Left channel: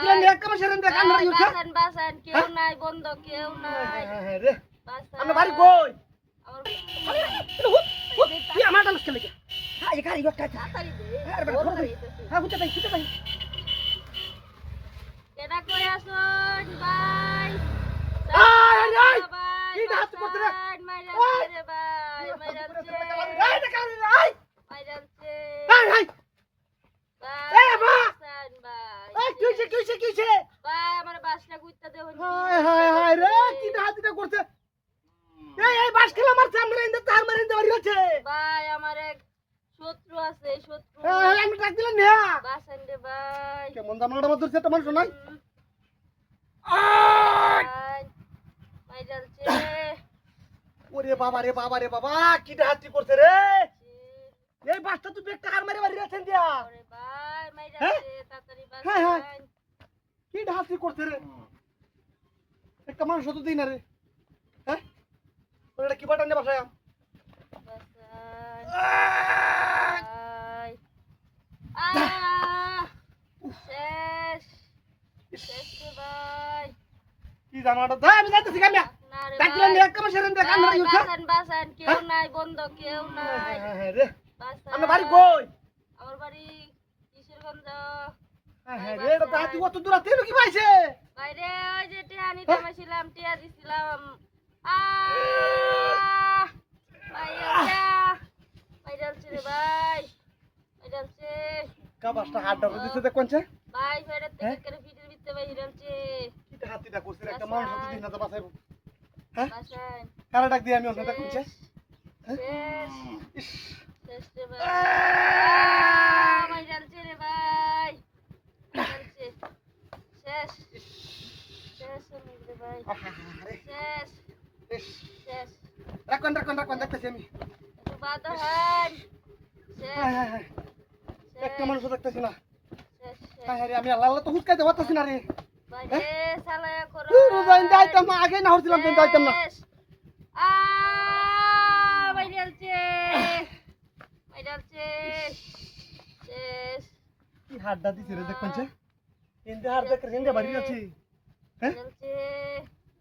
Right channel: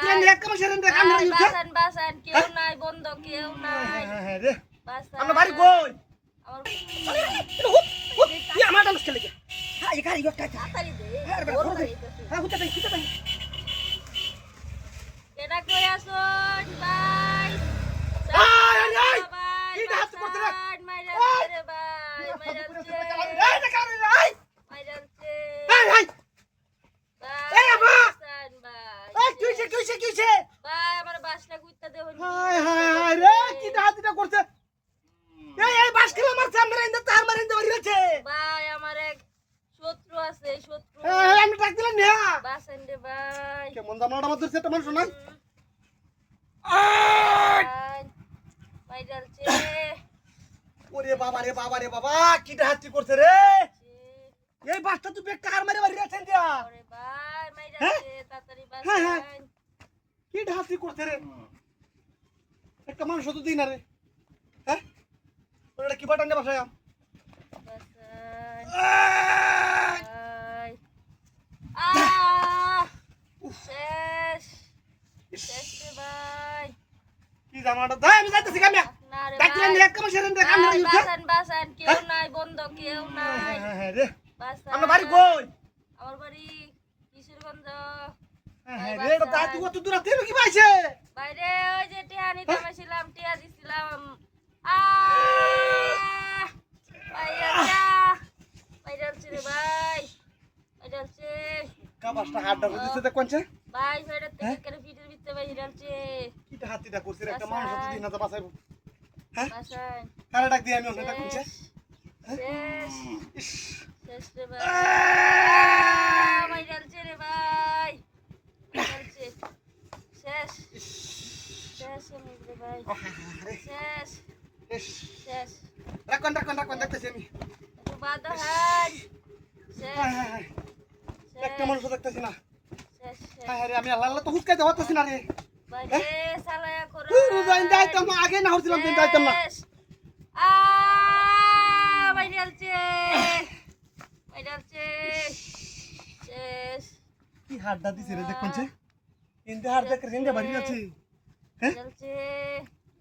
ডাকলেন এক কাম সেরেন দেখ আমরা উঠা বাসান বাসান কেউ নাই বন্ধ কেউ নাই হ্যাঁ রে বাসান আমরা বাড়ি কই আমার কি আমার ডালস কে লাগে হ্যাঁ এই গাড়ি গটা তাড়াতাড়ি দে হ্যাঁ হুটা তাই কেডা কই আসুন ভাই আয় আয় ভাই কি হাত করতে রে মাইরা রে ভাই মাইরা এই দেখা আয় মাইরালছে আয় আয় এই মা বাসান ভাই এই কিছে ভাই আমার বাসনা গুইতা দেও হায় রে কি হাতটা করতে এই বাস খেলা মারছে আমরা ইন্দা তার মারে ইন্দা বাড়ি আছে ভাই আমার এক শত্রু আছে শত্রু আমি ডাক দিলাম না বাসান রে ভাই কেমন জামাটা মত ধরছে একটা মানুষ নাই মাইরালছে ওরে বাবা কি হাতটি করছে রে এই বাসটা তুই একটা হার মারে বাড়ি আছেন দিয়া ওরে ভাই মাইরালছে তাড়াতাড়ি হ্যাঁ বাসান কি হাতটি করছে রে একটা মানুষ তো দিই না রে হ্যাঁ ওটা কি বাটান বাসায় বাসান শেষ রে ভাই কি জামাটা দাই আমি যাইতেছি কামিয়া না রে ডাকলেন এক কাম সেরেন দেখ আমরা উঠা বাসান বাসান কেউ নাই বন্ধ কেউ নাই হ্যাঁ রে বাসান আমরা বাড়ি কই আমার বাড়ি কিশোরগঞ্জ হ্যাঁ রে এটা দাঁত কত দূর আছে কি পাইছে বাইরে ওই যে টিয়া নিতে পারছিলাম টিয়া দিছিলাম মাইরালছে রে ভাই মাইরালছে কাবাসটা হাতটা দিতে দেখ কোনছে ভাই ফেরত থেকে করে ফিটের ভিতরে মাইরালছে কিটা হাতিটা করছে রে একটা মানুষ তো দিন না বাসাইবো হ্যাঁ বাসান কারা ডাক দিয়ে আমি ওখানে ডাক কোনছে শেষ শেষ রে ভাই মাইরালছে রে ভাই মাইরালছে শেষ শেষ রে ভাই শেষ শেষ রাখুন দেখতেছি আমি একটু বাদহান শেষ হায় একটা মানুষ দেখতেছি না শেষ হায় রে আমি আল্লাহ তো হুসকাইতে পারতেছি না রে বাইরে সালায়া করো রোজাইন দাইতাম না আগে না হচ্ছিলাম দিন দাইতাম না মাইরালছে শেষ কি হাড্ডা দিছে রে দেখ কোনছে ইন্দে হাড় দেখ রেঙ্গে বাড়ি আছে হ্যাঁ মাইরালছে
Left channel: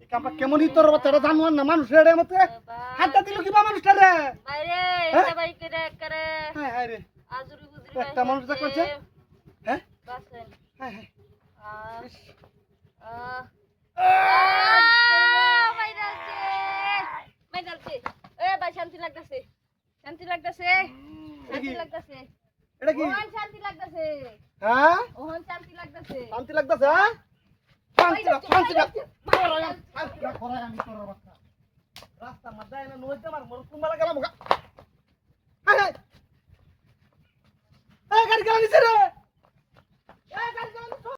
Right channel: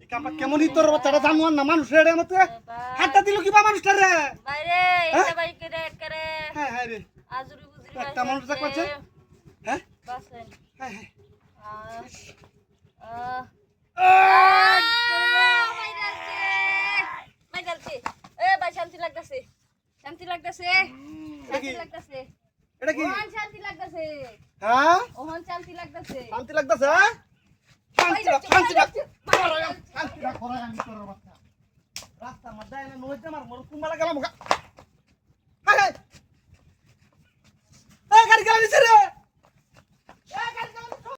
এই কামটা কেমন তোর বাচ্চাটা জানুয়ার না মানুষ রে মতে হাড্ডা দিল কি বা মানুষটা রে বাইরে এটা ভাই করে হায় রে আজুরি বুজুরি একটা মানুষ দেখ কোনছে হ্যাঁ বাসেন হায় মাইরালছে এ ভাই শান্তি লাগতেছে এটা কি ওহন শান্তি লাগতেছে হ্যাঁ ওহন শান্তি লাগতেছে শান্তি লাগতেছে হ্যাঁ শান্তি লাগছে শান্তি লাগ করে আমি তোর বাচ্চা রাস্তা মধ্যে না নইতে মার মোর কুমালা গেলাম হায় হায় এই গাড়ি গেল নিছে রে